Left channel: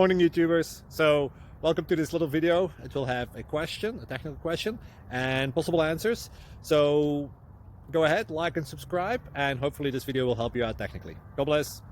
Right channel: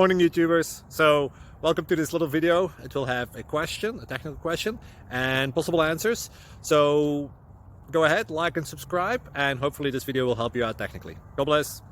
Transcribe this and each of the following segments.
Morning YouTubers. So welcome to this little video. It will have a question, a technical question, and possible answers. So go ahead, like and subscribe, and hopefully this video will help you out technically. God bless.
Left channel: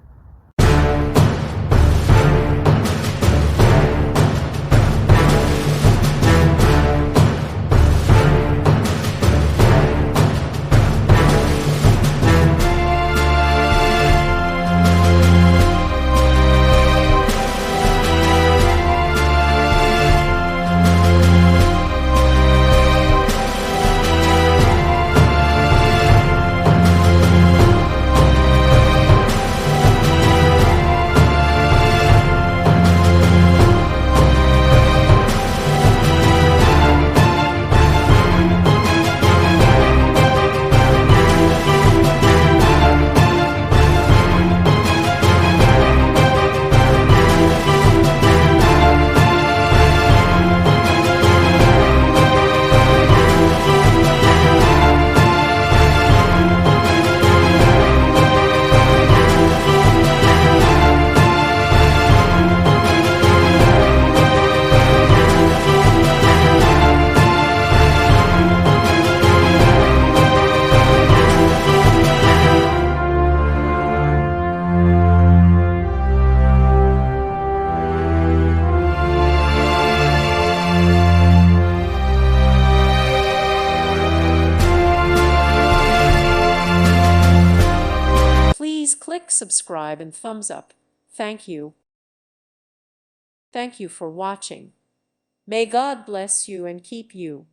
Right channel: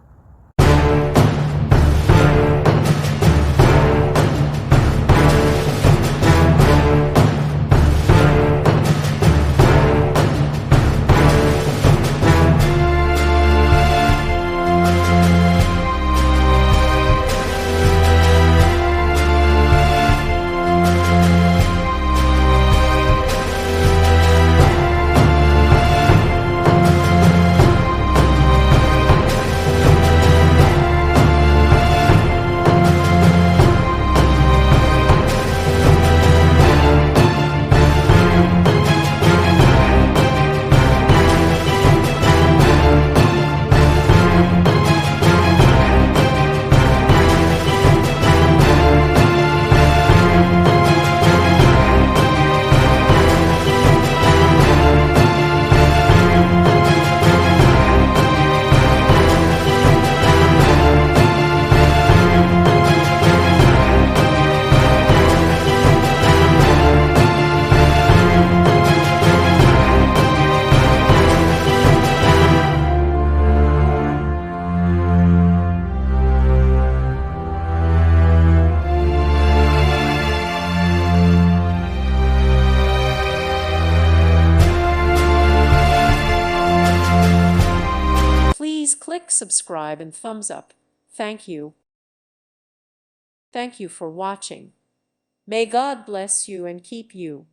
Please click subscribe and thumbs up. Thank you. Thank you for watching. May God bless you and keep you.